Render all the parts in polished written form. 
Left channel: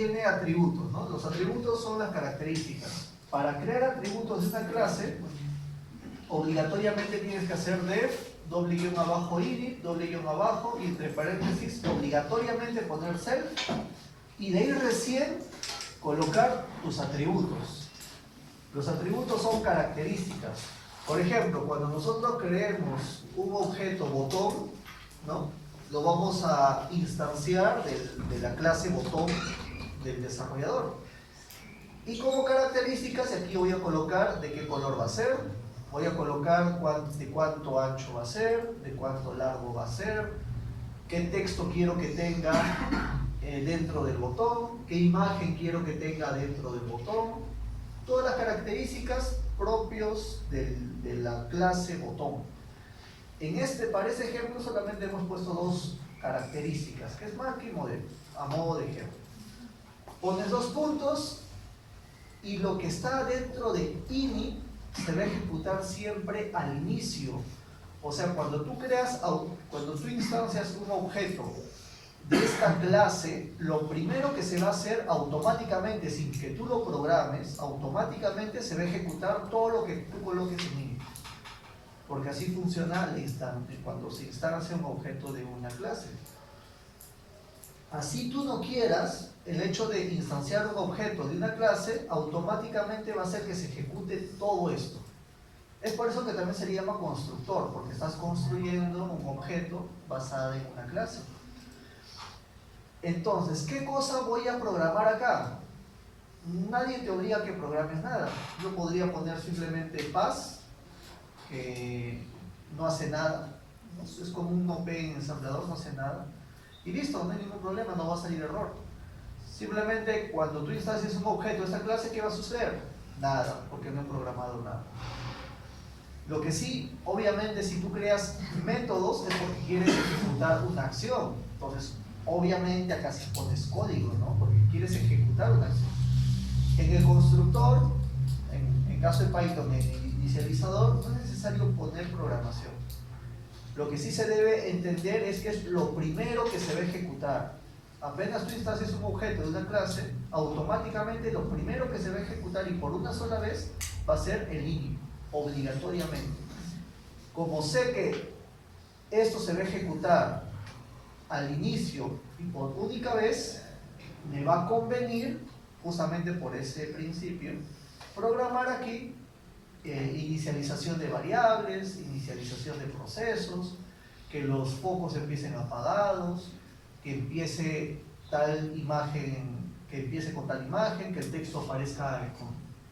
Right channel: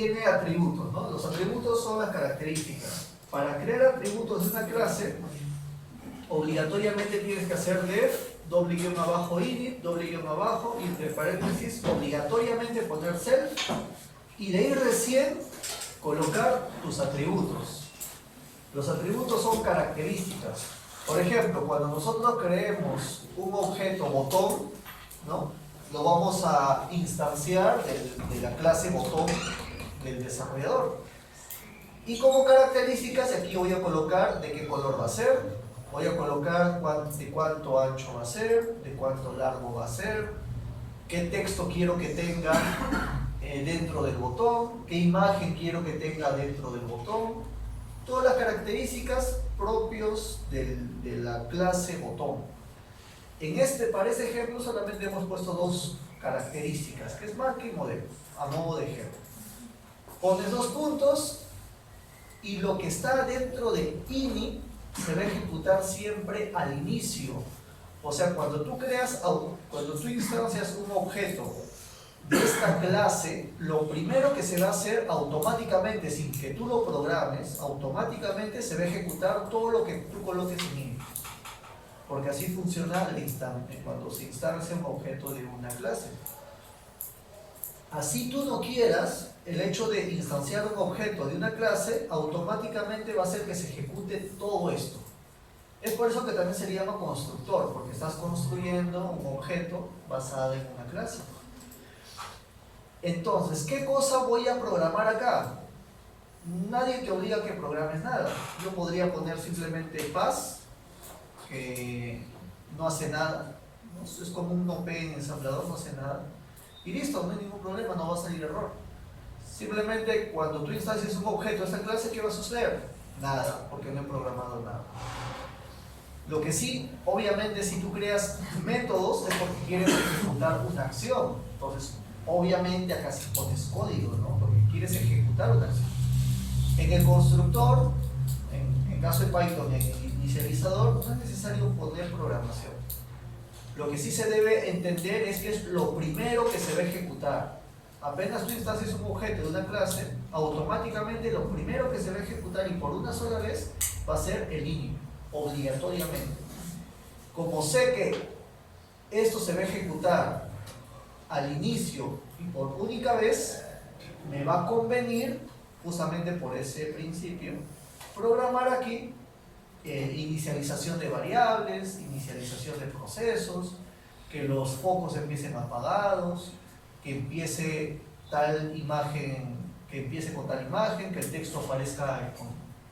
tiene atributos, ¿no? Los atributos son las características. Para crear atributos de una clase, obligatoriamente tienes que hacer def, _init, _, y entre paréntesis, obligatoriamente poner self, y de ahí recién colocar tus atributos. Los atributos son características. Por ejemplo, cuando nosotros creemos un objeto botón, ¿no? Lo vamos a instanciar de la clase botón del desarrollador. Y como características, aquí voy a colocar de qué color va a ser, voy a colocar de cuánto ancho va a ser, de cuánto largo va a ser, qué texto quiero que tenga dentro del botón, qué imagen quiero que tenga dentro del botón, todas las características propios de la clase botón. Para este ejemplo solamente hemos puesto dos características, que es marca y modelo, a modo de ejemplo. Pones dos puntos y lo que está dentro de init se va a ejecutar siempre al inicio. O sea, cuando tú instancias un objeto de esta clase, lo primero que se va a hacer automáticamente, sin que tú lo programes, automáticamente se va a ejecutar todo lo que tú coloques en init. Porque así funciona al instante, cuando se instancia un objeto de una clase. Así tú no quieras, el hecho de instanciar un objeto de una clase, automáticamente va a hacer que se ejecute todo esto. Es por eso que también se le llama constructor, porque estás construyendo un objeto basado en una clase. Entonces, ¿qué cosa voy a programar acá? Nadie te obliga a que programes nada. Yo podría poner simplemente pass, que no hace nada, ¿no? Es como un OP en ensamblador, no hace nada. Y listo, no hay ningún problema, no va a salir error. Simplemente cuando tú instancias un objeto de esta clase, ¿qué va a suceder? Nada, porque no he programado nada. Lo que sí, obviamente, si tú creas métodos es porque quieres ejecutar una acción. Entonces, obviamente acá sí pones código, ¿no? Porque quieres ejecutar una acción. En el constructor, en caso de Python, en el inicializador, no es necesario poner programación. Lo que sí se debe entender es que es lo primero que se va a ejecutar. Apenas tú instancias un objeto de una clase, automáticamente lo primero que se va a ejecutar y por una sola vez va a ser el init, obligatoriamente. Como sé que esto se va a ejecutar al inicio y por única vez, me va a convenir, justamente por ese principio, programar aquí inicialización de variables, inicialización de procesos, que los focos empiecen apagados, que empiece tal imagen, que empiece con tal imagen, que el texto aparezca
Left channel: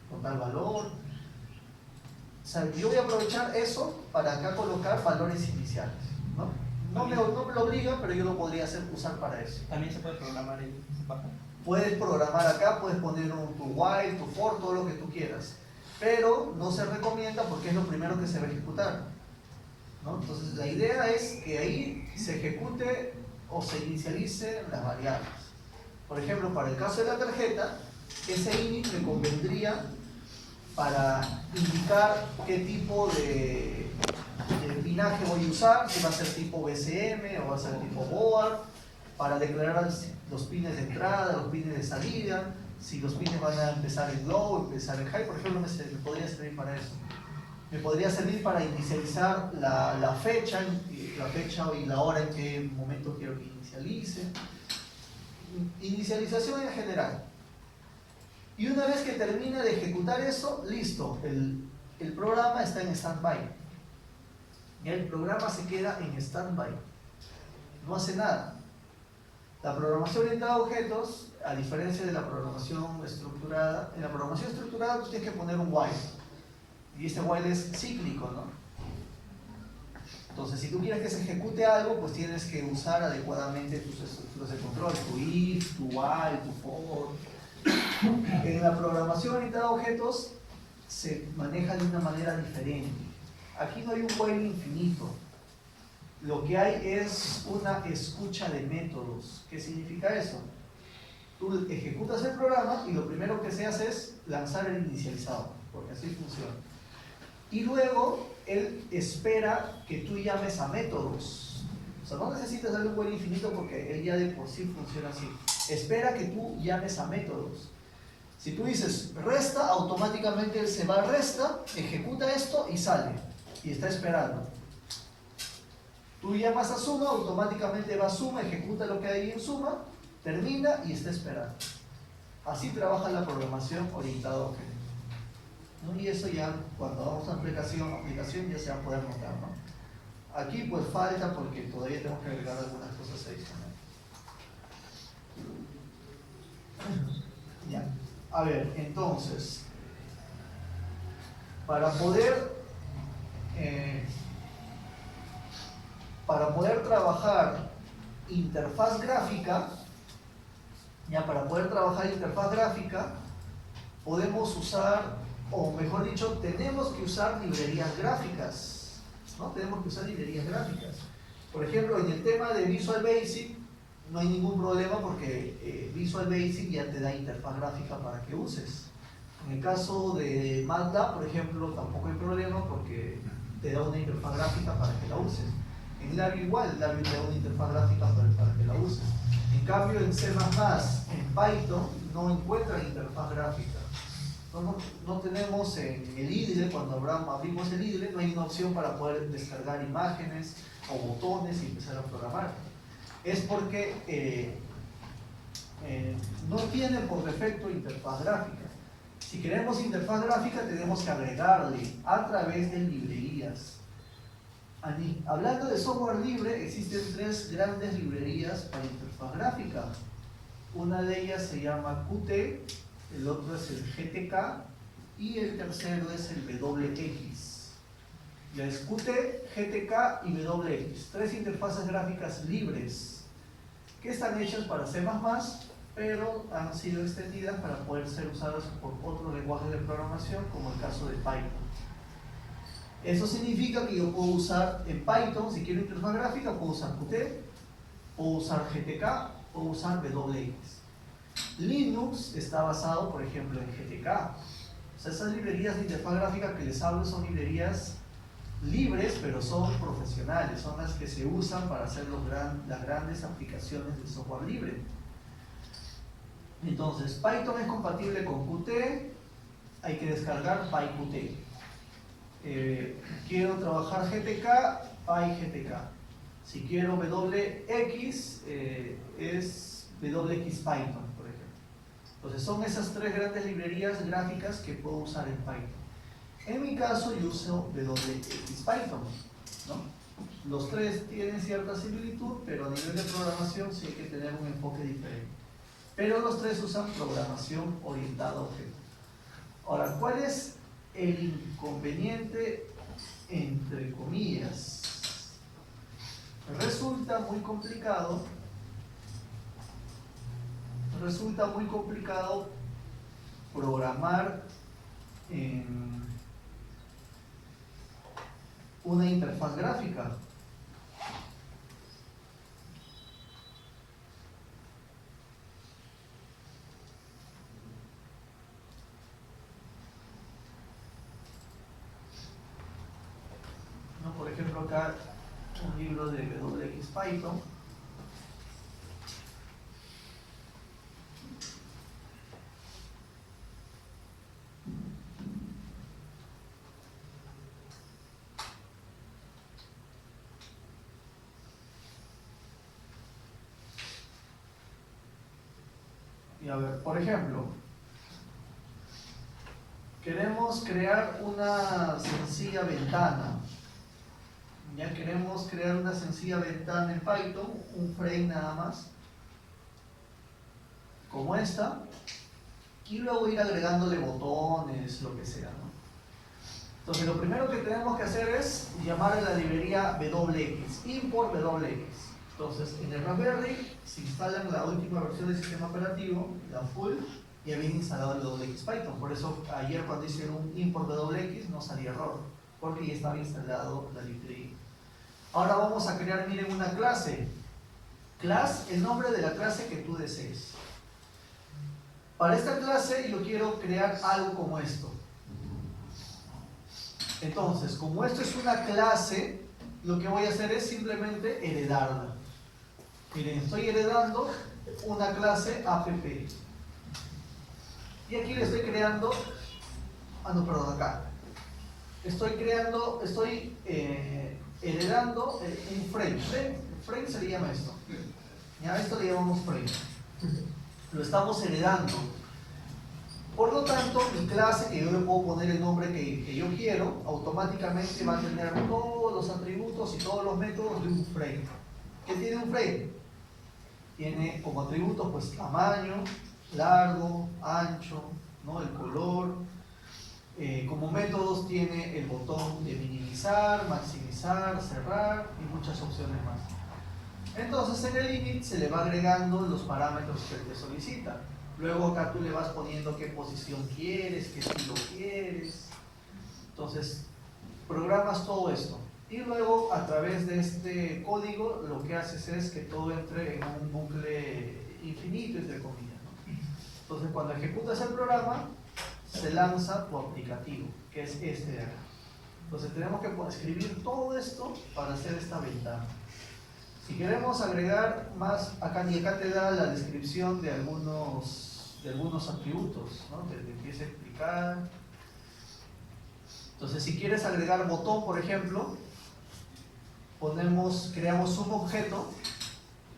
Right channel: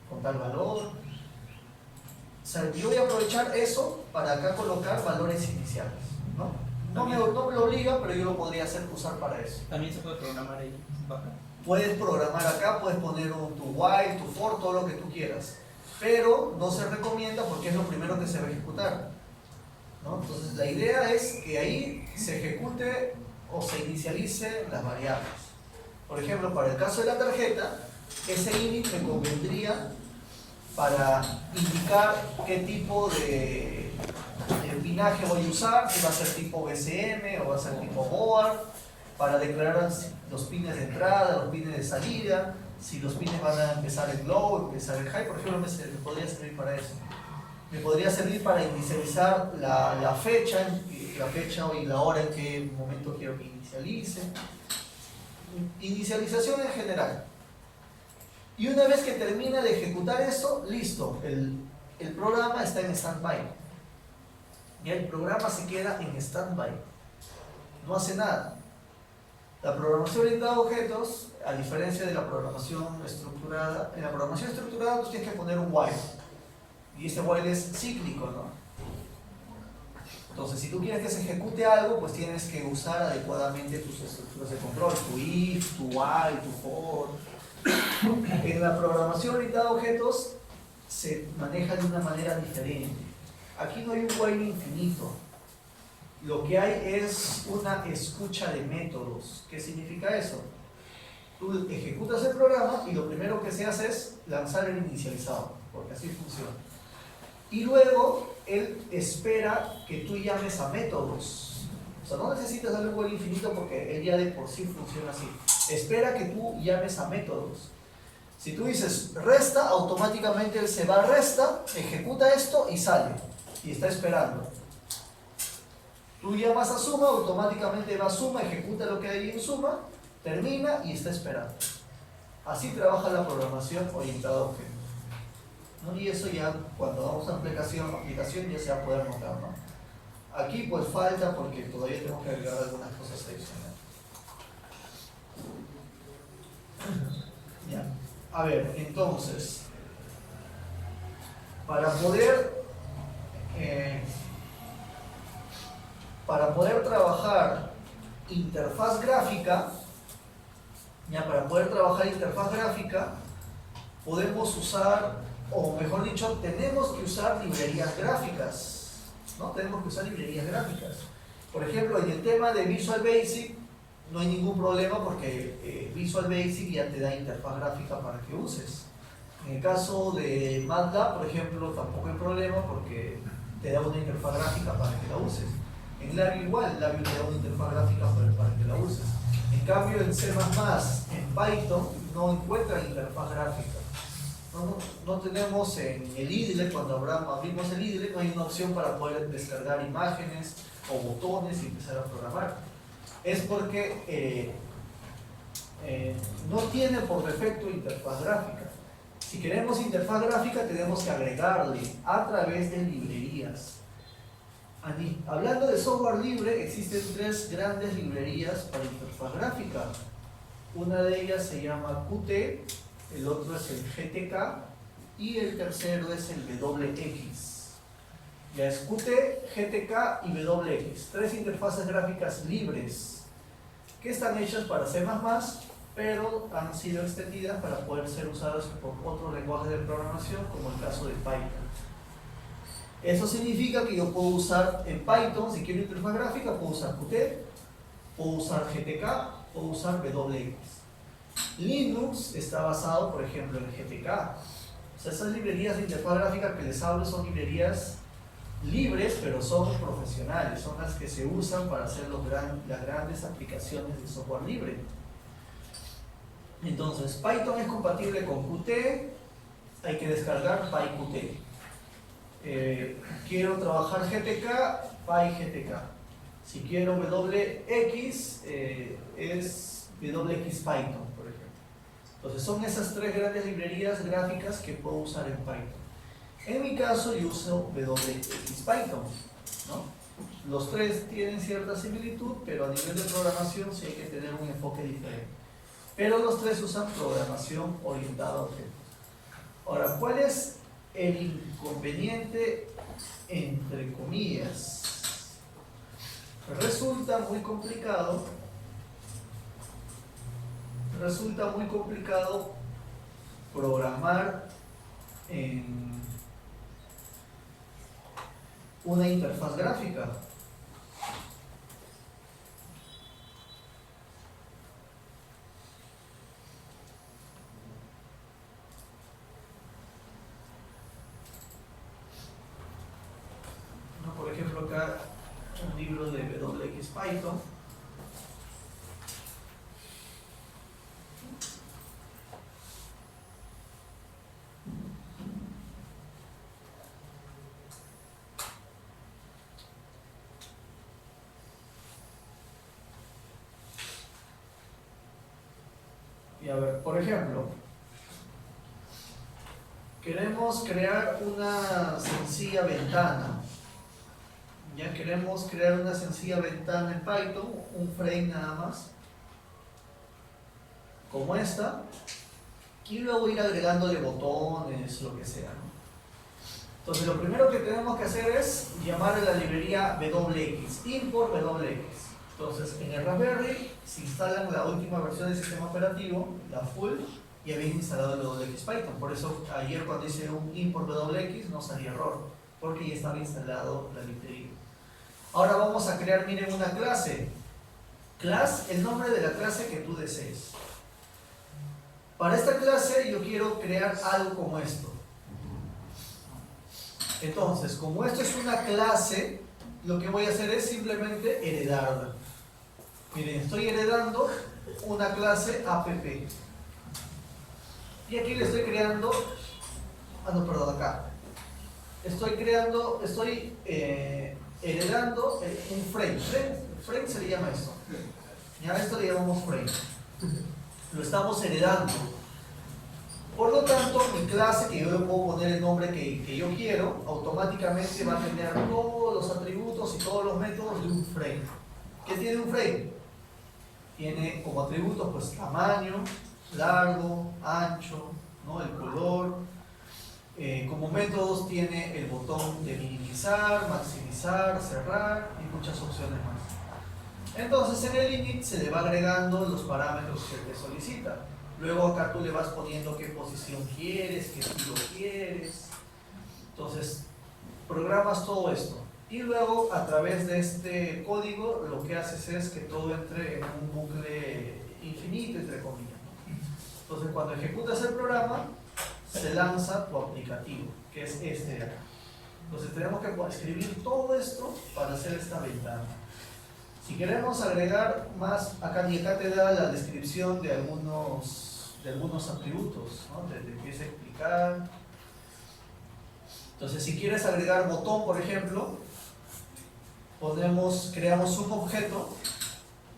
con tal valor. O sea, yo voy a aprovechar eso para acá colocar valores iniciales, ¿no? No me lo obliga, pero yo lo podría usar para eso. También se puede programar ahí. Puedes programar acá, puedes poner tu while, tu for, todo lo que tú quieras. Pero no se recomienda porque es lo primero que se va a ejecutar, ¿no? Entonces la idea es que ahí se ejecute o se inicialice las variables. Por ejemplo, para el caso de la tarjeta, ese init me convendría para indicar qué tipo de pinaje voy a usar, si va a ser tipo BCM o va a ser tipo board, para declarar los pines de entrada, los pines de salida, si los pines van a empezar en low, empezar en high, por ejemplo, me podría servir para eso. Me podría servir para inicializar la fecha y la hora en qué momento quiero que inicialice. Inicialización en general. Y una vez que termina de ejecutar eso, listo, el programa está en stand-by. Ya el programa se queda en stand-by. No hace nada. La programación orientada a objetos, a diferencia de la programación estructurada, en la programación estructurada tú tienes que poner un while. Y este while es cíclico, ¿no? Entonces, si tú quieres que se ejecute algo, pues tienes que usar adecuadamente tus estructuras de control, tu if, tu while, tu for. En la programación orientada a objetos se maneja de una manera diferente. Aquí no hay un while infinito. Lo que hay es una escucha de métodos. ¿Qué significa eso? Tú ejecutas el programa y lo primero que se hace es lanzar el inicializador, porque así funciona. Y luego él espera que tú llames a métodos. O sea, no necesitas darle un while infinito porque él ya de por sí funciona así. espera que tú llames a métodos. Si tú dices resta, automáticamente él se va a resta, ejecuta esto y sale. Y está esperando. Tú llamas a suma, automáticamente va a suma, ejecuta lo que hay en suma, termina y está esperando. Así trabaja la programación orientada a objetos, ¿no? Y eso ya cuando damos una aplicación ya se va a poder notar, ¿no? Aquí pues falta porque todavía tenemos que agregar algunas cosas adicionales. Ya. A ver, entonces, para poder trabajar interfaz gráfica, podemos usar, o mejor dicho, tenemos que usar librerías gráficas, ¿no? Tenemos que usar librerías gráficas. Por ejemplo, en el tema de Visual Basic, no hay ningún problema porque Visual Basic ya te da interfaz gráfica para que uses. En el caso de MATLAB, por ejemplo, tampoco hay problema porque te da una interfaz gráfica para que la uses. En Labio igual, Labio te da una interfaz gráfica para que la uses. En cambio, en C++, en Python, no encuentran interfaz gráfica. No tenemos en el IDLE, cuando abrimos el IDLE, no hay una opción para poder descargar imágenes o botones y empezar a programar. Es porque no tiene por defecto interfaz gráfica. Si queremos interfaz gráfica tenemos que agregarle a través de librerías. Hablando de software libre, existen 3 grandes librerías para interfaz gráfica. Una de ellas se llama Qt, el otro es el GTK y el tercero es el WX. Ya es Qt, GTK y WX, 3 interfaces gráficas libres que están hechas para C++, pero han sido extendidas para poder ser usadas por otros lenguajes de programación, como el caso de Python. Eso significa que yo puedo usar en Python, si quiero interfaz gráfica, puedo usar Qt, puedo usar GTK, puedo usar WX. Linux está basado, por ejemplo, en GTK. O sea, esas librerías de interfaz gráfica que les hablo son librerías libres, pero son profesionales, son las que se usan para hacer las grandes aplicaciones de software libre. Entonces, Python es compatible con Qt, hay que descargar PyQt. Quiero trabajar GTK, PyGTK. Si quiero WX, es WX Python, por ejemplo. Entonces, son esas 3 grandes librerías gráficas que puedo usar en Python. En mi caso yo uso WX Python, ¿no? Los 3 tienen cierta similitud, pero a nivel de programación sí hay que tener un enfoque diferente. Pero los 3 usan programación orientada a objetos. Ahora, ¿cuál es el inconveniente entre comillas? Resulta muy complicado programar en una interfaz gráfica. ¿No? Por ejemplo, acá un libro de WX Python. Y a ver, por ejemplo, queremos crear una sencilla ventana. Ya queremos crear una sencilla ventana en Python, un frame nada más, como esta, y luego ir agregándole botones, lo que sea, ¿no? Entonces lo primero que tenemos que hacer es llamar a la librería WX, import WX. Entonces en el Raspberry se instalan la última versión del sistema operativo, la full, y ya viene instalado el WX Python. Por eso ayer cuando hice un import WX no salía error, porque ya estaba instalado la librería. Ahora vamos a crear, miren, una clase. Class, el nombre de la clase que tú desees. Para esta clase yo quiero crear algo como esto. Entonces, como esto es una clase, lo que voy a hacer es simplemente heredarla. Miren, estoy heredando una clase app. Y aquí le estoy creando, acá. Estoy heredando un frame. Frame se le llama esto. Ya a esto le llamamos frame. Lo estamos heredando. Por lo tanto, mi clase, que yo le puedo poner el nombre que yo quiero, automáticamente va a tener todos los atributos y todos los métodos de un frame. ¿Qué tiene un frame? Tiene como atributos pues tamaño, largo, ancho, ¿no? El color. Como métodos tiene el botón de minimizar, maximizar, cerrar y muchas opciones más. Entonces en el init se le va agregando los parámetros que te solicita. Luego acá tú le vas poniendo qué posición quieres, qué estilo quieres. Entonces programas todo esto. Y luego a través de este código lo que haces es que todo entre en un bucle infinito, entre comillas, ¿no? Entonces cuando ejecutas el programa se lanza tu aplicativo, que es este de acá. Entonces tenemos que escribir todo esto para hacer esta ventana. Si queremos agregar más, acá te da la descripción de algunos atributos, ¿no? Te empieza a explicar. Entonces si quieres agregar botón, por ejemplo, creamos un objeto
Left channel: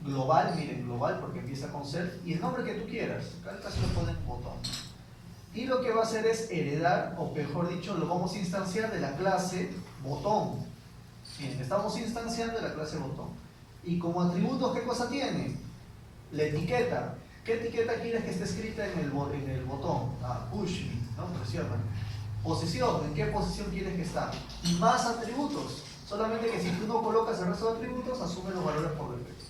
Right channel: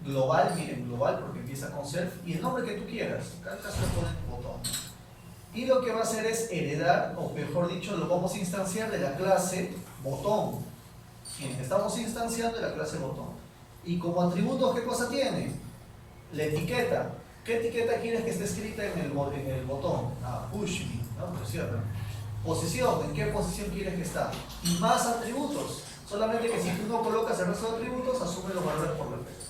global, miren, global porque empieza con self, y el nombre que tú quieras. Acá en el caso le ponen botón. Y lo que va a hacer es heredar, o mejor dicho, lo vamos a instanciar de la clase botón. Miren, estamos instanciando de la clase botón. Y como atributos, ¿qué cosa tiene? La etiqueta. ¿Qué etiqueta quieres que esté escrita en el botón? Push me, ¿no? Presiona. Posición, ¿en qué posición quieres que está? Y más atributos. Solamente que si tú no colocas el resto de atributos, asume los valores por defecto.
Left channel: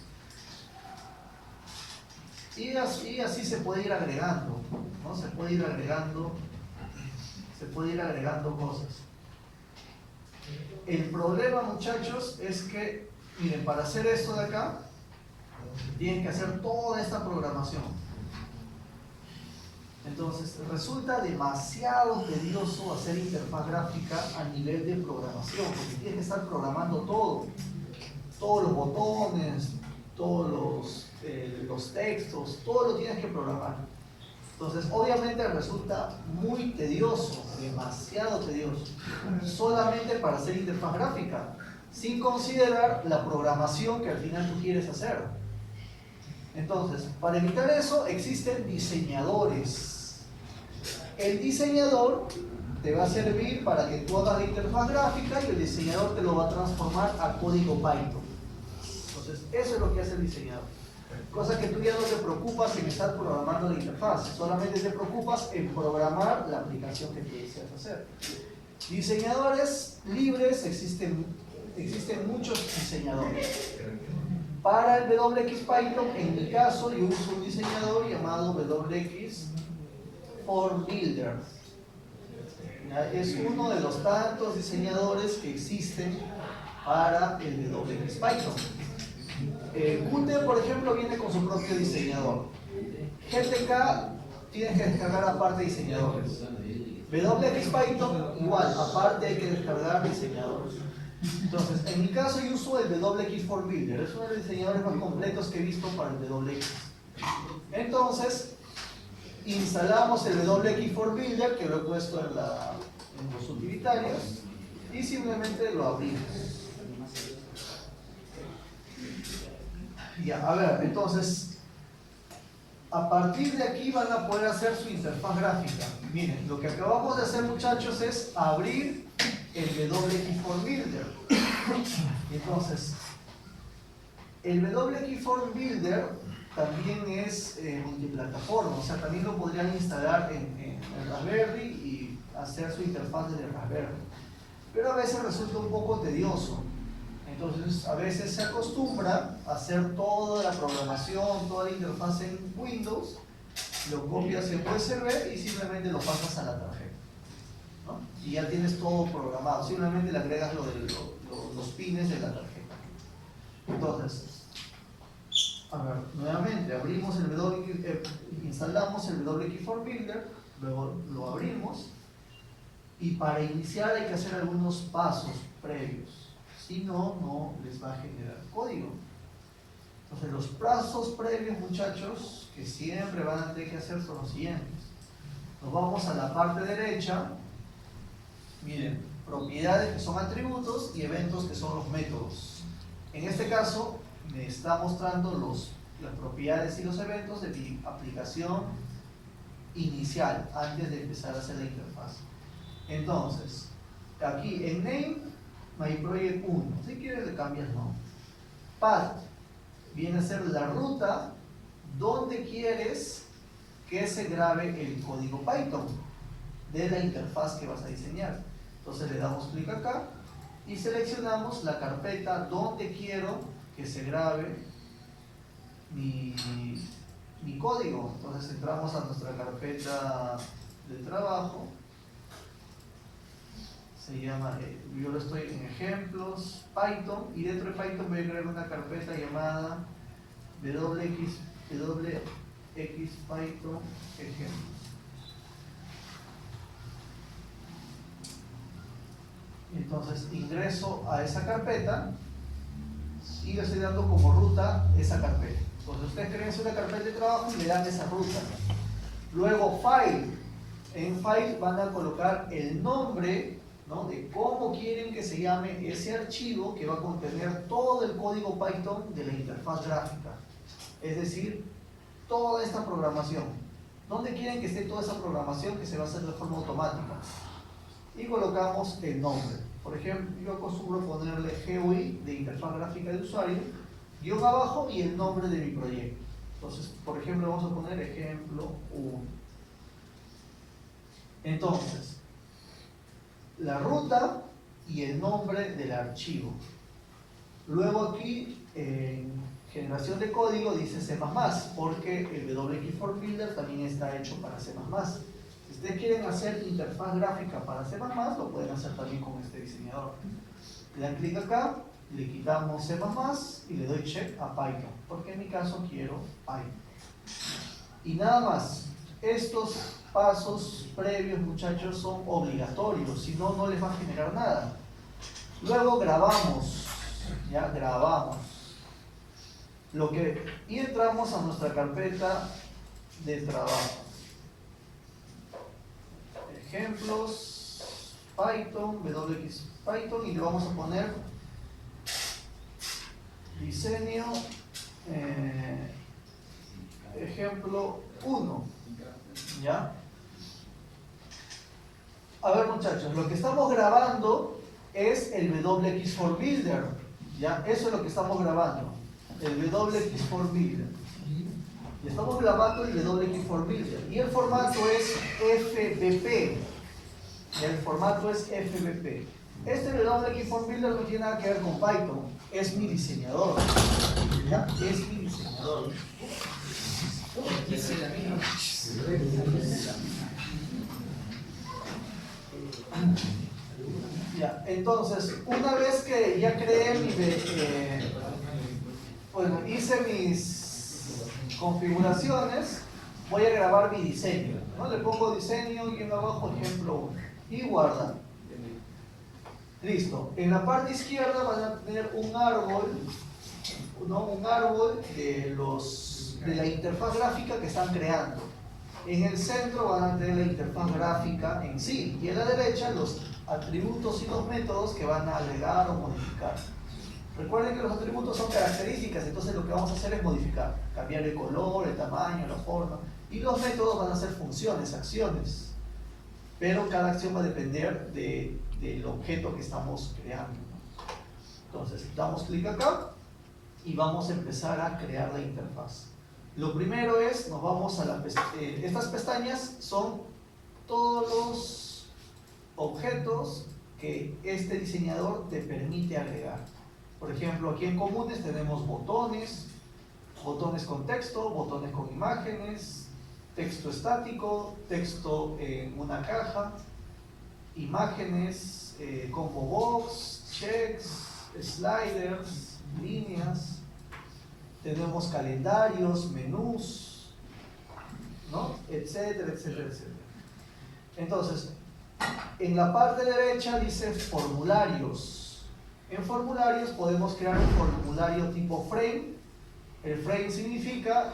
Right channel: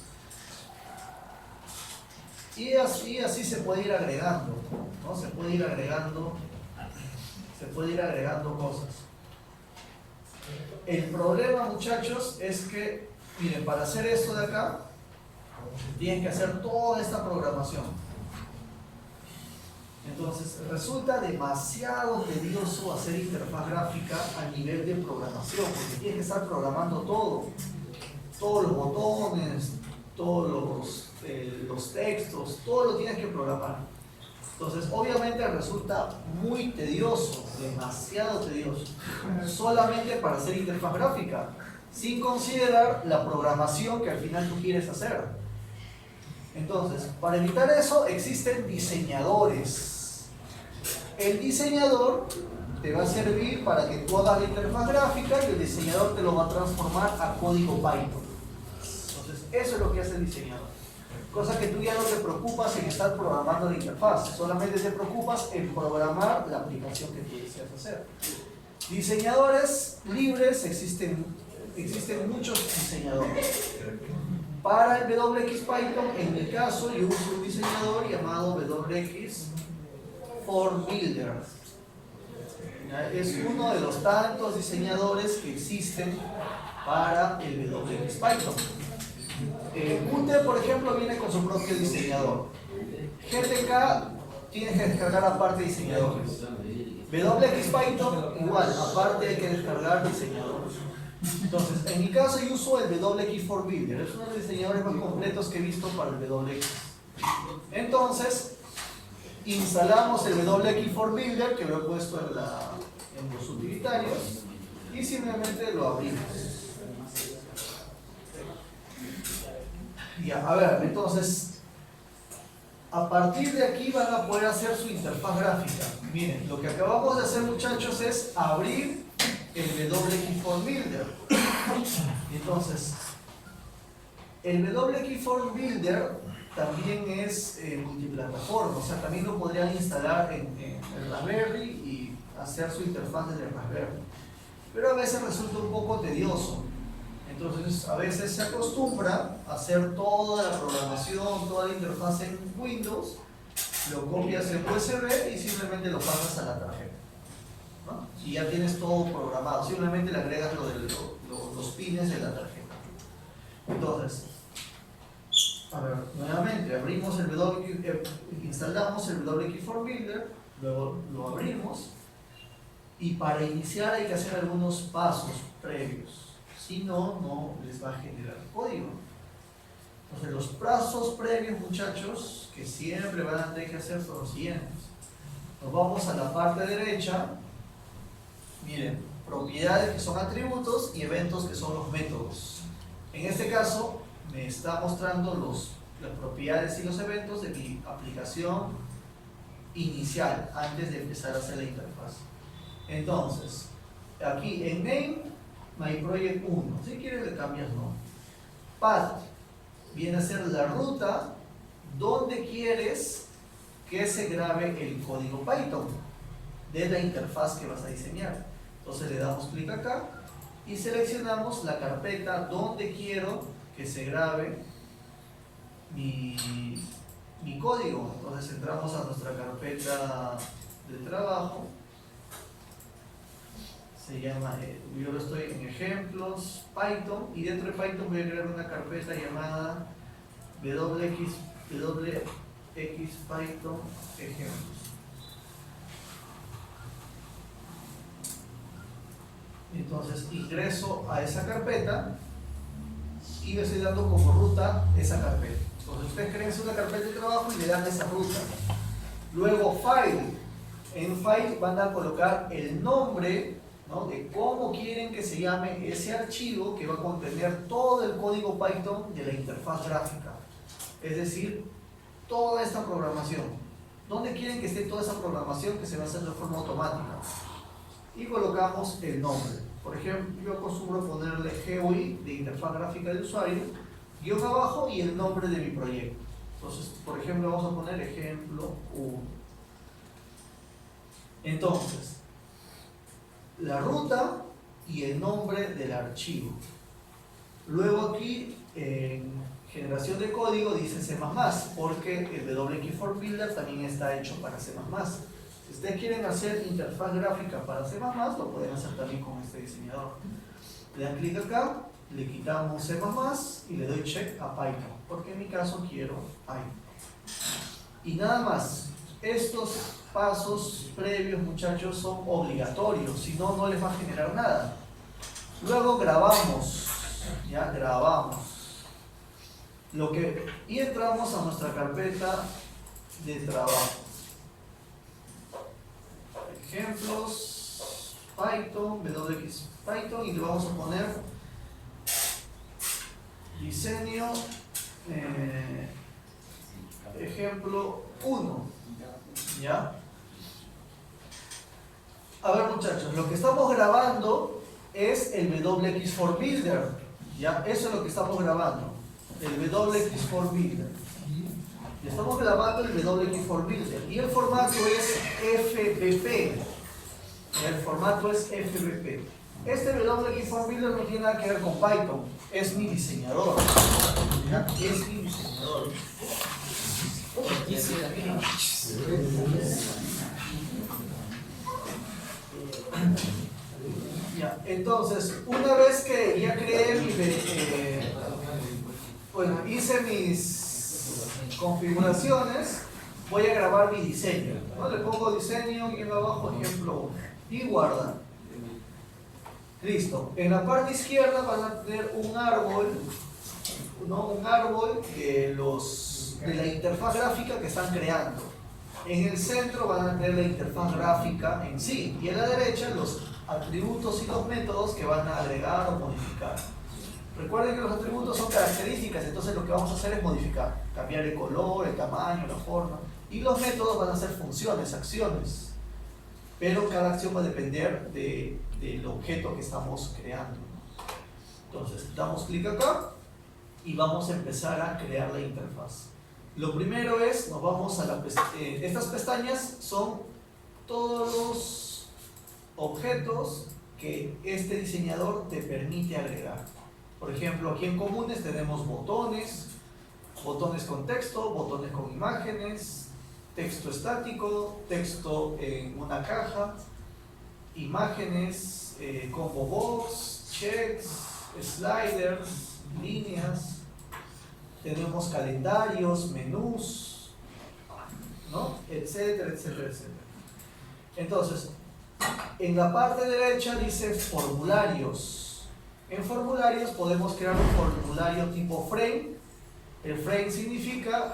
Y así se puede ir agregando, ¿no? Se puede ir agregando cosas. El problema, muchachos, es que, miren, para hacer esto de acá, tienen que hacer toda esta programación. Entonces, resulta demasiado tedioso hacer interfaz gráfica a nivel de programación, porque tienes que estar programando todo. Todos los botones, todos los textos, todo lo tienes que programar. Entonces, obviamente resulta muy tedioso, demasiado tedioso, solamente para hacer interfaz gráfica, sin considerar la programación que al final tú quieres hacer. Entonces, para evitar eso, existen diseñadores. El diseñador te va a servir para que tú hagas la interfaz gráfica y el diseñador te lo va a transformar a código Python. Entonces, eso es lo que hace el diseñador. Cosa que tú ya no te preocupas en estar programando la interfaz, solamente te preocupas en programar la aplicación que tú deseas hacer. Diseñadores libres, existen muchos diseñadores. Para el WX Python, en mi caso, yo uso un diseñador llamado WX Form Builder. Es uno de los tantos diseñadores que existen para el WX Python. Qt, por ejemplo, viene con su propio diseñador. GTK tienes que descargar aparte diseñadores. WX Python igual, aparte hay que descargar diseñadores. Entonces, en mi caso yo uso el WX Form Builder, es uno de los diseñadores más completos que he visto para el WX. Entonces, instalamos el WX Form Builder, que lo he puesto en los utilitarios, y simplemente lo abrimos. Ya, a ver, entonces, a partir de aquí van a poder hacer su interfaz gráfica. Miren, lo que acabamos de hacer, muchachos, es abrir el WX Form Builder. Entonces, el WX Form Builder también es multiplataforma, o sea, también lo podrían instalar en Raspberry y hacer su interfaz desde Raspberry. Pero a veces resulta un poco tedioso. Entonces, a veces se acostumbra a hacer toda la programación, toda la interfaz en Windows, lo copias en USB y simplemente lo pasas a la tarjeta, ¿no? Y ya tienes todo programado, simplemente le agregas los pines de la tarjeta. Entonces, a ver, nuevamente abrimos instalamos el WX Form Builder, luego lo abrimos y para iniciar hay que hacer algunos pasos previos. Si no, no les va a generar código. Entonces los pasos previos, muchachos, que siempre van a tener que hacer son los siguientes. Nos vamos a la parte derecha. Miren, propiedades que son atributos y eventos que son los métodos. En este caso me está mostrando las propiedades y los eventos de mi aplicación inicial antes de empezar a hacer la interfaz. Entonces, aquí en name, my project 1, si quieres le cambias no. Path viene a ser la ruta donde quieres que se grabe el código Python de la interfaz que vas a diseñar. Entonces le damos clic acá y seleccionamos la carpeta donde quiero que se grabe mi código. Entonces entramos a nuestra carpeta de trabajo. Se llama, yo lo estoy en ejemplos, Python, y dentro de Python voy a crear una carpeta llamada WX Python ejemplos. Entonces ingreso a esa carpeta y le estoy dando como ruta esa carpeta. Entonces ustedes creen una carpeta de trabajo y le dan esa ruta. Luego file. En file van a colocar el nombre, ¿no?, de cómo quieren que se llame ese archivo que va a contener todo el código Python de la interfaz gráfica. Es decir, toda esta programación. ¿Dónde quieren que esté toda esa programación que se va a hacer de forma automática? Y colocamos el nombre. Por ejemplo, yo acostumbro ponerle GUI de interfaz gráfica de usuario, guión abajo y el nombre de mi proyecto. Entonces, por ejemplo, vamos a poner ejemplo 1. Entonces, la ruta y el nombre del archivo. Luego aquí en generación de código dice C++, porque el WX for Builder también está hecho para C++. Si ustedes quieren hacer interfaz gráfica para C++, lo pueden hacer también con este diseñador. Le dan clic acá, le quitamos C++ y le doy check a Python, porque en mi caso quiero Python. Y nada más, estos pasos previos, muchachos, son obligatorios, si no, no les va a generar nada. Luego grabamos, ya grabamos. Y entramos a nuestra carpeta de trabajo. Ejemplos, Python, WX Python, y le vamos a poner diseño, ejemplo 1. ¿Ya? A ver, muchachos, lo que estamos grabando es el WX for Builder. ¿Ya? Eso es lo que estamos grabando. El WX for Builder. Le estamos grabando el WX for Builder. Y el formato es FBP. El formato es FBP. Este WX for Builder no tiene nada que ver con Python. Es mi diseñador. ¿Ya? Es mi diseñador. Ya, entonces, una vez que ya creé bueno, hice mis configuraciones, voy a grabar mi diseño, ¿no? Le pongo diseño y abajo ejemplo 1 y guarda. Listo. En la parte izquierda van a tener un árbol, ¿no? Un árbol de la interfaz gráfica que están creando. En el centro van a tener la interfaz gráfica en sí, y en la derecha los atributos y los métodos que van a agregar o modificar. Recuerden que los atributos son características, entonces lo que vamos a hacer es modificar, cambiar el color, el tamaño, la forma, y los métodos van a ser funciones, acciones, pero cada acción va a depender del objeto que estamos creando. Entonces damos clic acá y vamos a empezar a crear la interfaz. Lo primero es, nos vamos a estas pestañas son todos los objetos que este diseñador te permite agregar. Por ejemplo, aquí en comunes tenemos botones, botones con texto, botones con imágenes, texto estático, texto en una caja, imágenes, combo box, checks, sliders, líneas. Tenemos calendarios, menús, ¿no? Etcétera, etcétera, etcétera. Entonces, en la parte derecha dice formularios. En formularios podemos crear un formulario tipo frame El frame significa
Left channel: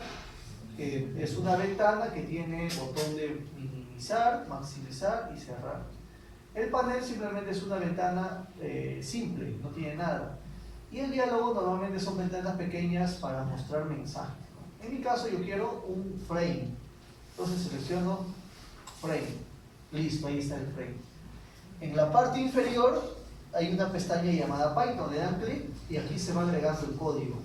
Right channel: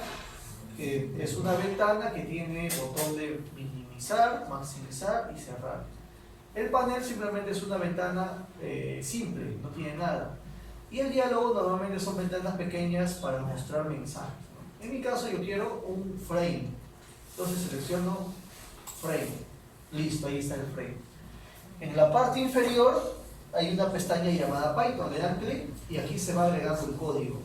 que es una ventana que tiene botón de minimizar, maximizar y cerrar. El panel simplemente es una ventana simple, no tiene nada. Y el diálogo normalmente son ventanas pequeñas para mostrar mensajes, ¿no? En mi caso yo quiero un frame. Entonces selecciono frame. Listo, ahí está el frame. En la parte inferior hay una pestaña llamada Python. Le dan clic y aquí se va agregando el código.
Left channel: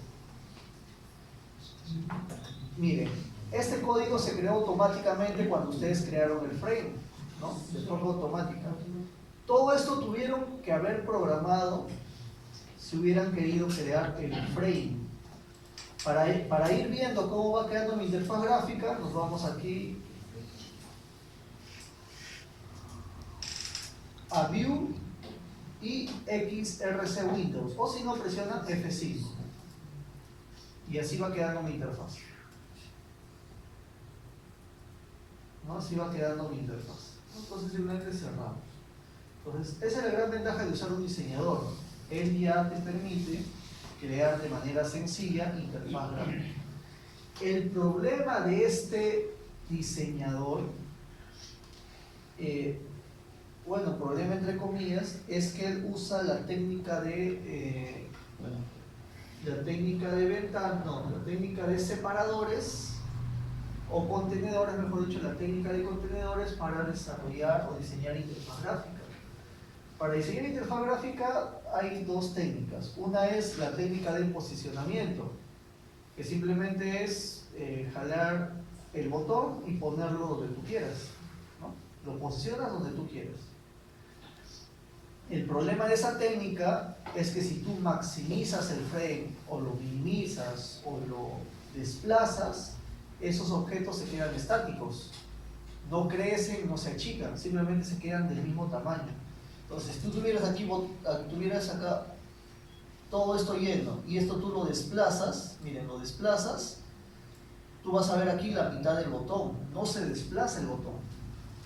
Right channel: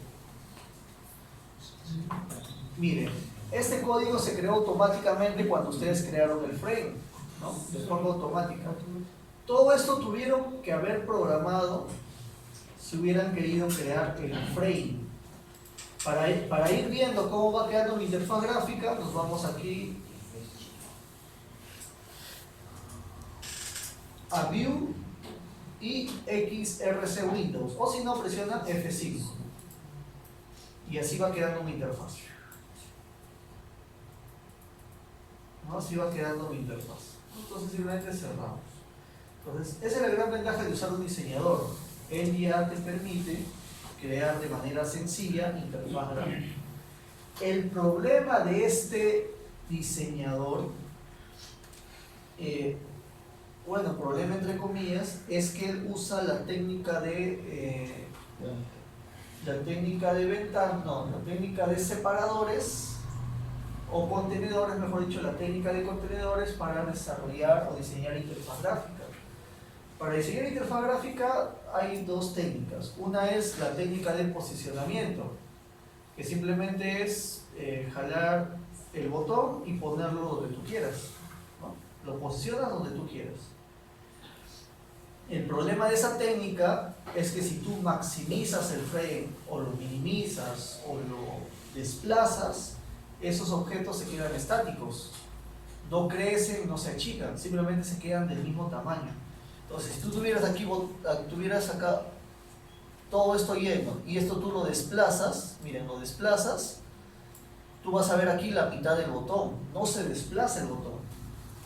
Miren, este código se creó automáticamente cuando ustedes crearon el frame, ¿no? De forma automática. Todo esto tuvieron que haber programado si hubieran querido crear el frame. Para ir viendo cómo va quedando mi interfaz gráfica, nos vamos aquí a View y XRC Windows, o si no presionan F5 y así va quedando mi interfaz, ¿no? Así va quedando mi interfaz. Entonces simplemente cerramos. Entonces esa es la gran ventaja de usar un diseñador. Él ya te permite crear de manera sencilla interfaz gráfica. El problema de este diseñador, bueno, problema entre comillas, es que él usa la técnica de la técnica de separadores o contenedores, mejor dicho, la técnica de contenedores para desarrollar o diseñar interfaz gráfica. Para diseñar interfaz gráfica hay dos técnicas. Una es la técnica de posicionamiento, que simplemente es jalar el botón y ponerlo donde tú quieras, ¿no? Lo posicionas donde tú quieras. El problema de esa técnica es que si tú maximizas el frame o lo minimizas o lo desplazas, esos objetos se quedan estáticos, no crecen, no se achican, simplemente se quedan del mismo tamaño. Entonces, si tú tuvieras acá todo esto lleno y esto tú lo desplazas, miren, lo desplazas, tú vas a ver aquí la mitad del botón, no se desplaza el botón.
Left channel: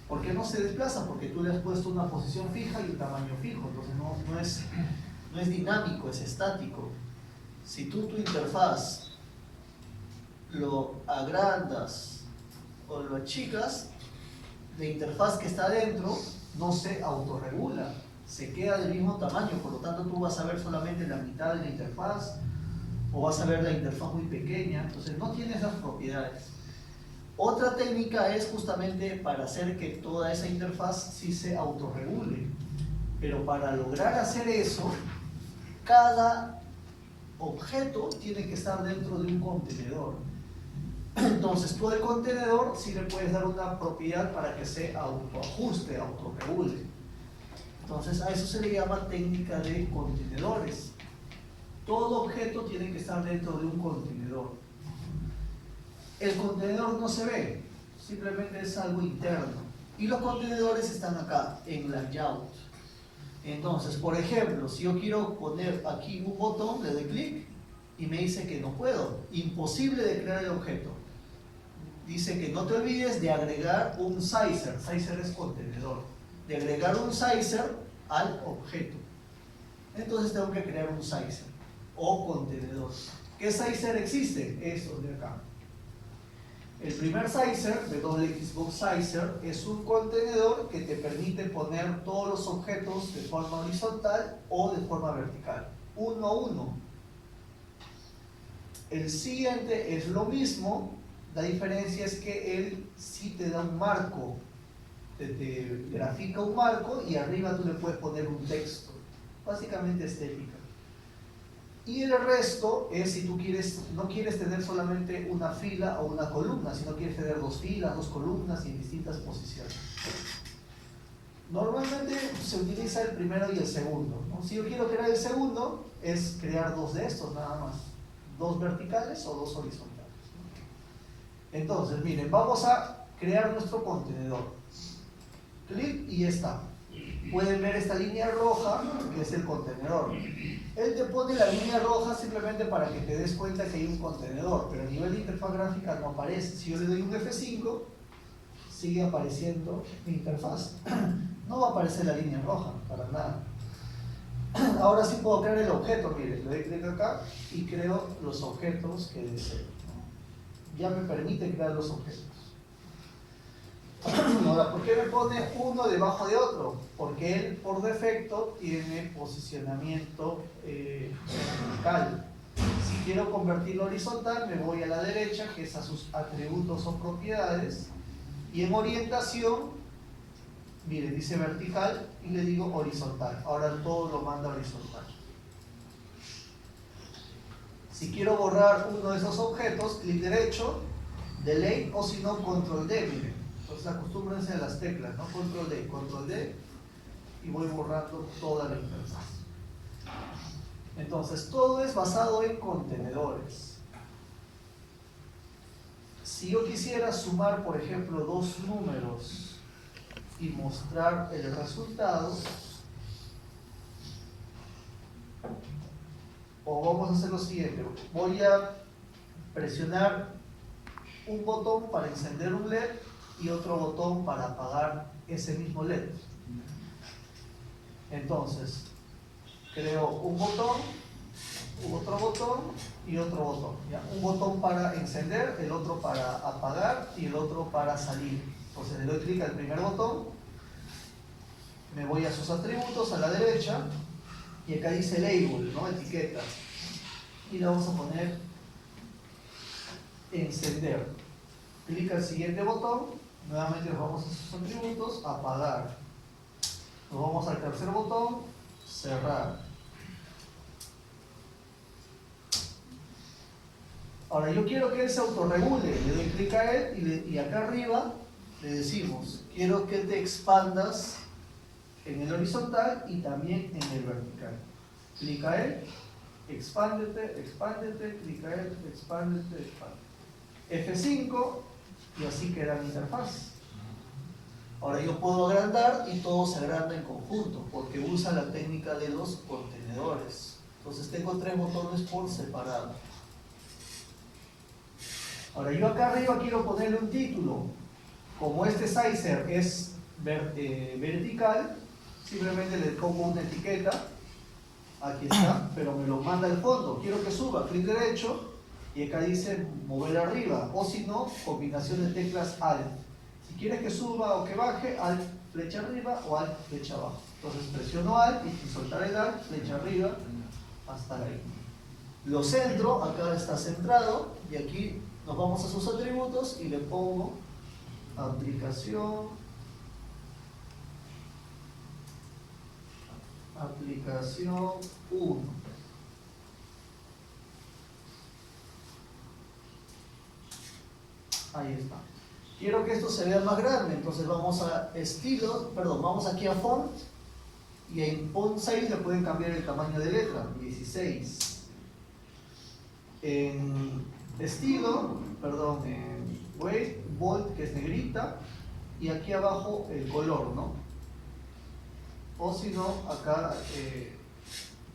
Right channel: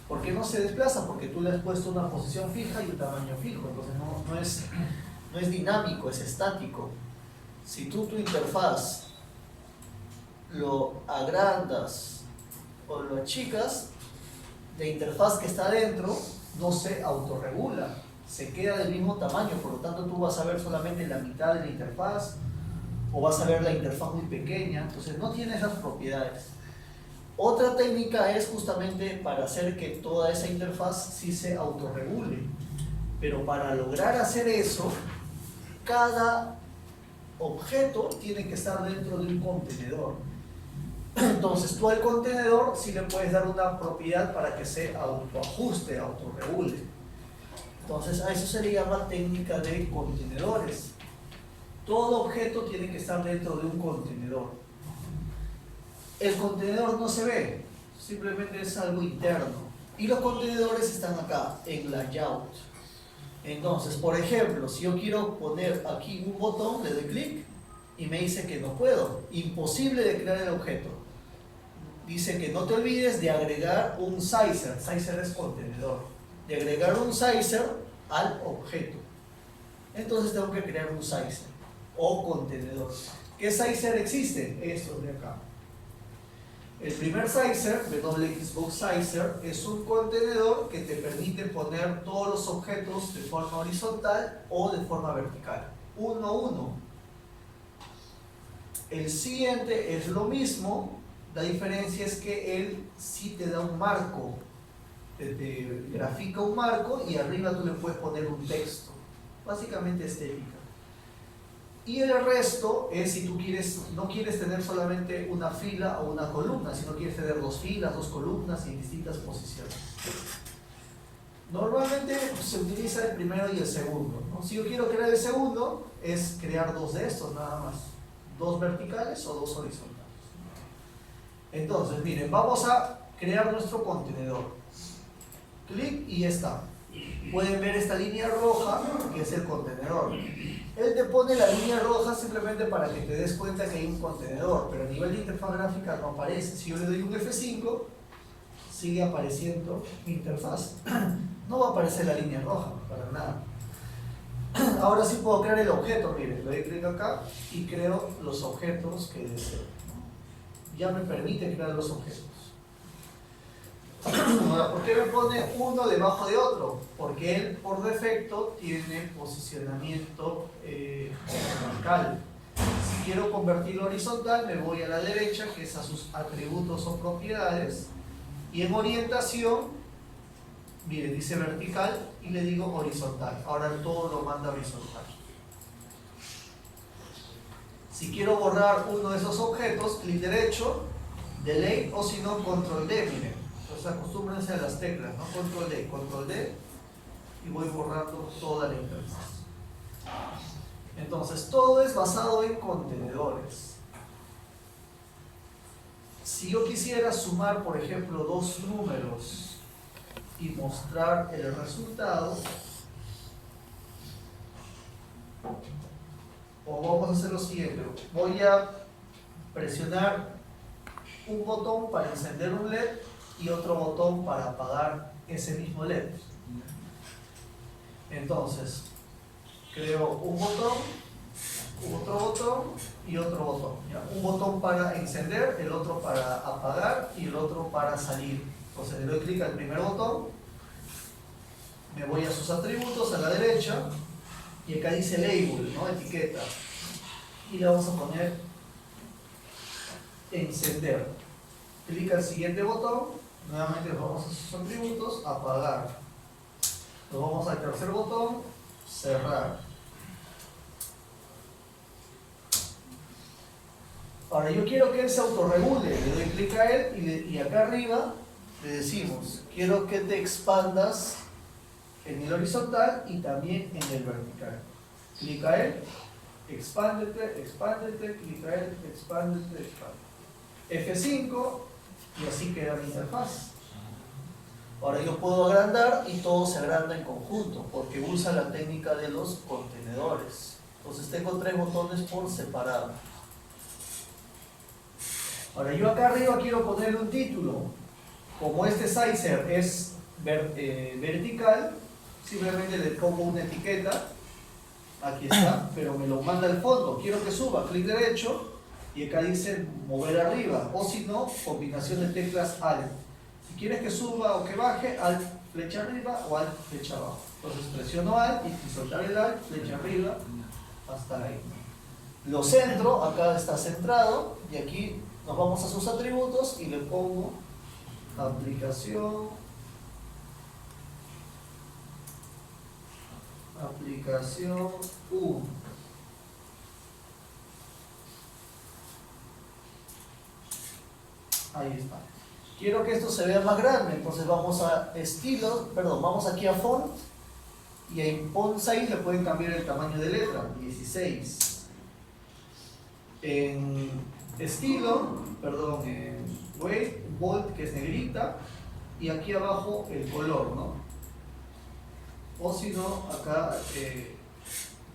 ¿Por qué no se desplaza? Porque tú le has puesto una posición fija y un tamaño fijo, entonces no es dinámico, es estático. Si tú tu interfaz lo agrandas o lo achicas, la interfaz que está adentro no se autorregula, se queda del mismo tamaño, por lo tanto tú vas a ver solamente la mitad de la interfaz o vas a ver la interfaz muy pequeña, entonces no tiene esas propiedades. Otra técnica es justamente para hacer que toda esa interfaz sí se autorregule, pero para lograr hacer eso, cada objeto tiene que estar dentro de un contenedor. Entonces tú al contenedor sí le puedes dar una propiedad para que se autoajuste, autorregule. Entonces a eso se le llama técnica de contenedores. Todo objeto tiene que estar dentro de un contenedor. El contenedor no se ve, simplemente es algo interno. Y los contenedores están acá, en layout. Entonces, por ejemplo, si yo quiero poner aquí un botón, le doy clic y me dice que no puedo. Imposible de crear el objeto. Dice que no te olvides de agregar un sizer. Sizer es contenedor. De agregar un sizer al objeto. Entonces tengo que crear un sizer o contenedor. ¿Qué sizer existe? Estos de acá. El primer sizer, WXbox Sizer, es un contenedor que te permite poner todos los objetos de forma horizontal o de forma vertical. Uno a uno. El siguiente es lo mismo. La diferencia es que él sí te da un marco, te grafica un marco y arriba tú le puedes poner un texto, básicamente estética. Y el resto es si tú no quieres tener solamente una fila o una columna, sino quieres tener dos filas, dos columnas y en distintas posiciones. Normalmente se utiliza el primero y el segundo, ¿no? Si yo quiero crear el segundo, es crear dos de estos nada más, dos verticales o dos horizontales. Entonces, miren, vamos a crear nuestro contenedor. Clic y ya está. Pueden ver esta línea roja, que es el contenedor. Él te pone la línea roja simplemente para que te des cuenta que hay un contenedor, pero a nivel de interfaz gráfica no aparece. Si yo le doy un F5, sigue apareciendo mi interfaz. No va a aparecer la línea roja, para nada. Ahora sí puedo crear el objeto, miren, le doy clic acá y creo los objetos que deseo. Ya me permite crear los objetos. Ahora, ¿por qué me pone uno debajo de otro? Porque él por defecto tiene posicionamiento vertical. Si quiero convertirlo horizontal, me voy a la derecha, que es a sus atributos o propiedades, y en orientación, mire, dice vertical y le digo horizontal. Ahora todo lo manda horizontal. Si quiero borrar uno de esos objetos, clic derecho, delete, o si no, control D, miren. Entonces acostúmbrense a las teclas, ¿no? Control D, y voy borrando toda la interfaz. Entonces, todo es basado en contenedores. Si yo quisiera sumar, por ejemplo, dos números y mostrar el resultado, o vamos a hacer lo siguiente, voy a presionar un botón para encender un LED y otro botón para apagar ese mismo LED. Entonces, creo un botón, otro botón y otro botón, ¿ya? Un botón para encender, el otro para apagar y el otro para salir. Entonces le doy clic al primer botón, me voy a sus atributos a la derecha y acá dice label, ¿no? Etiqueta, y le vamos a poner encender. Clic al siguiente botón, nuevamente nos vamos a sus atributos, apagar. Nos vamos al tercer botón, cerrar. Ahora yo quiero que él se autorregule, le doy clic a él y acá arriba le decimos, quiero que te expandas en el horizontal y también en el vertical. Clic a él, expándete, expándete, clic a él, expándete, expándete. F5 y así queda mi interfaz. Ahora yo puedo agrandar y todo se agranda en conjunto porque usa la técnica de los contenedores. Entonces tengo tres botones por separado. Ahora yo acá arriba quiero ponerle un título. Como este sizer es vertical, simplemente le pongo una etiqueta. Aquí está, pero me lo manda al fondo. Quiero que suba, clic derecho y acá dice mover arriba. O si no, combinación de teclas Alt. Si quieres que suba o que baje, Alt flecha arriba o Alt flecha abajo. Entonces presiono Alt y sin soltar el Alt, flecha arriba hasta ahí. Lo centro, acá está centrado y aquí nos vamos a sus atributos y le pongo aplicación 1. Ahí está. Quiero que esto se vea más grande, entonces vamos a vamos aquí a font y en font size le pueden cambiar el tamaño de letra, 16. En weight, bold, que es negrita, y aquí abajo el color, ¿no? O si no, acá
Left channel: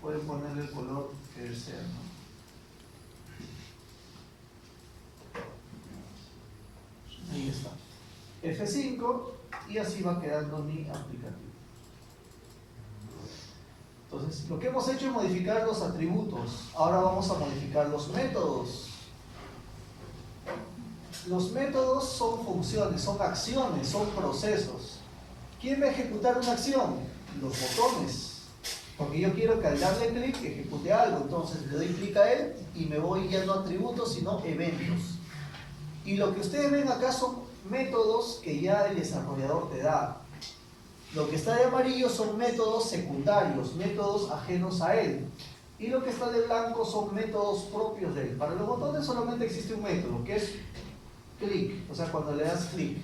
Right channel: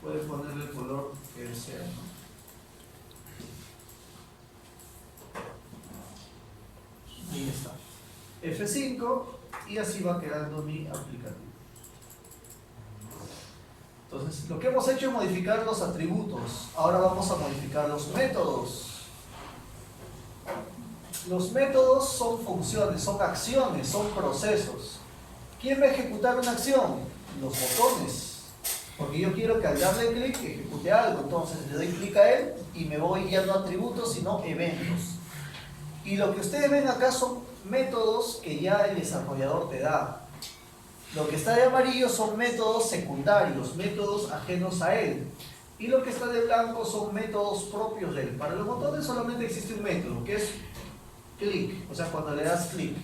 pueden ponerle el color que desean, ¿no? Ahí está. F5 y así va quedando mi aplicativo. Entonces, lo que hemos hecho es modificar los atributos. Ahora vamos a modificar los métodos. Los métodos son funciones, son acciones, son procesos. ¿Quién va a ejecutar una acción? Los botones. Porque yo quiero que al darle clic ejecute algo. Entonces le doy clic a él y me voy ya no a atributos, sino eventos. Y lo que ustedes ven acá son métodos que ya el desarrollador te da. Lo que está de amarillo son métodos secundarios, métodos ajenos a él. Y lo que está de blanco son métodos propios de él. Para los botones solamente existe un método, que es clic, o sea, cuando le das clic.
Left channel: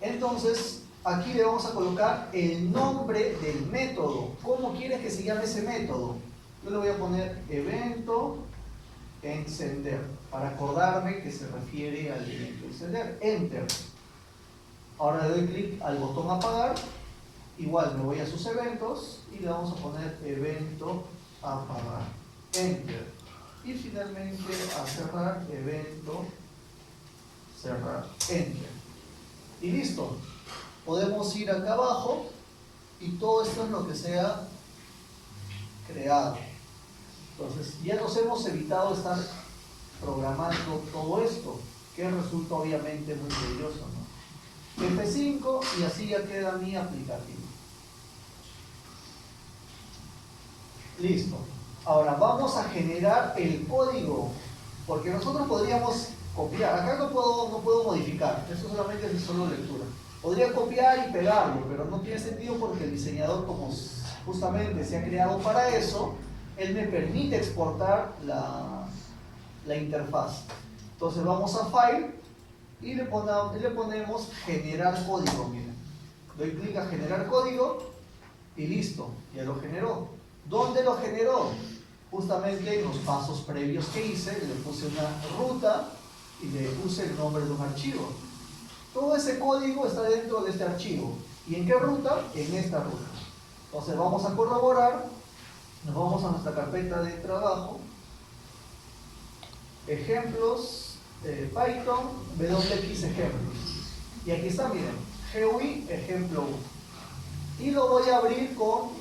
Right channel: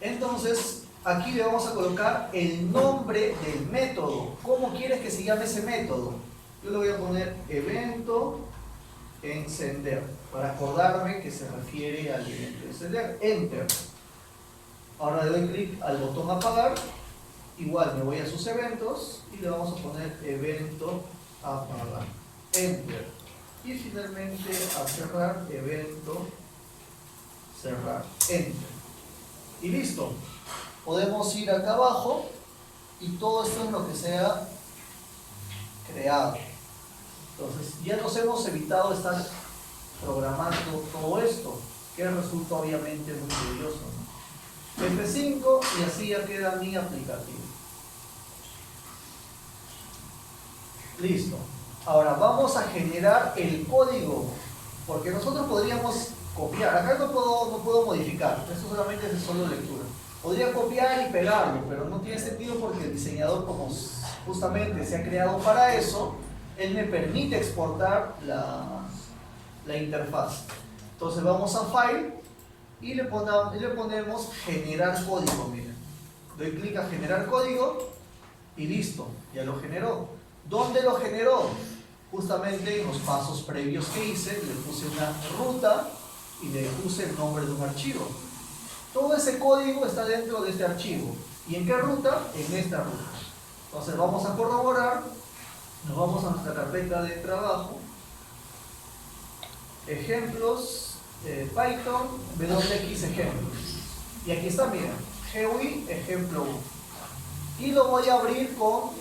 Entonces, aquí le vamos a colocar el nombre del método. ¿Cómo quieres que se llame ese método? Yo le voy a poner evento encender, para acordarme que se refiere al evento encender. Enter. Ahora le doy clic al botón apagar. Igual me voy a sus eventos y le vamos a poner evento apagar. Enter. Y finalmente a cerrar, evento cerrar. Enter. Y listo. Podemos ir acá abajo y todo esto es lo que se ha creado. Entonces ya nos hemos evitado estar programando todo esto, que resulta obviamente muy tedioso, ¿no? F5 y así ya queda mi aplicativo. Listo. Ahora vamos a generar el código, porque nosotros podríamos copiar. Acá no puedo modificar, esto solamente es solo lectura. Podría copiar y pegarlo, pero no tiene sentido porque el diseñador, como justamente se ha creado para eso, él me permite exportar la interfaz. Entonces vamos a File y le ponemos generar código. Miren, doy clic a generar código y listo, ya lo generó. ¿Dónde lo generó? Justamente en los pasos previos que hice, le puse una ruta y le puse el nombre de un archivo. Todo ese código está dentro de este archivo. ¿Y en qué ruta? En esta ruta. Entonces vamos a corroborar, nos vamos a nuestra carpeta de trabajo, ejemplos, Python, WX ejemplos. Y aquí está, miren, GUI ejemplo 1. Y lo voy a abrir con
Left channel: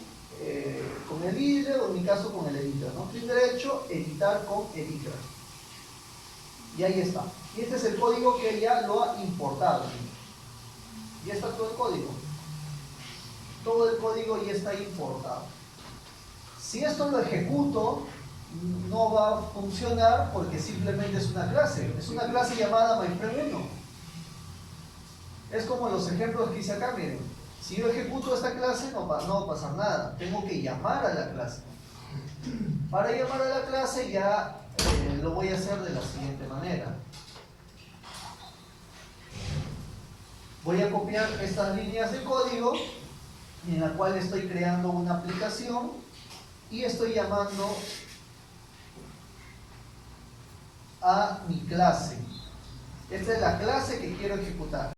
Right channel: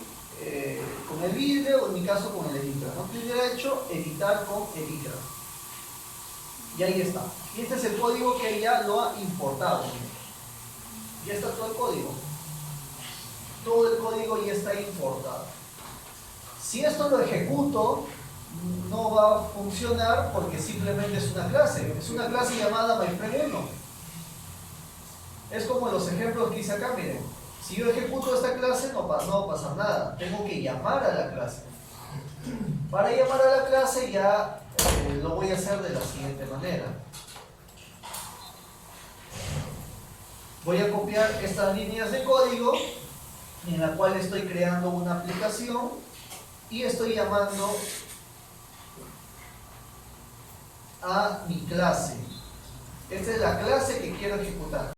el IDLE o en mi caso con el editor, ¿no? Clic derecho, editar con editor. Y ahí está. Y este es el código que ya lo ha importado. Ya está todo el código. Todo el código ya está importado. Si esto lo ejecuto, no va a funcionar porque simplemente es una clase. Es una clase llamada myFrame1. Es como los ejemplos que hice acá, miren. Si yo ejecuto esta clase, no va a pasar nada. Tengo que llamar a la clase. Para llamar a la clase ya lo voy a hacer de la siguiente manera. Voy a copiar estas líneas de código en la cual estoy creando una aplicación y estoy llamando a mi clase. Esta es la clase que quiero ejecutar.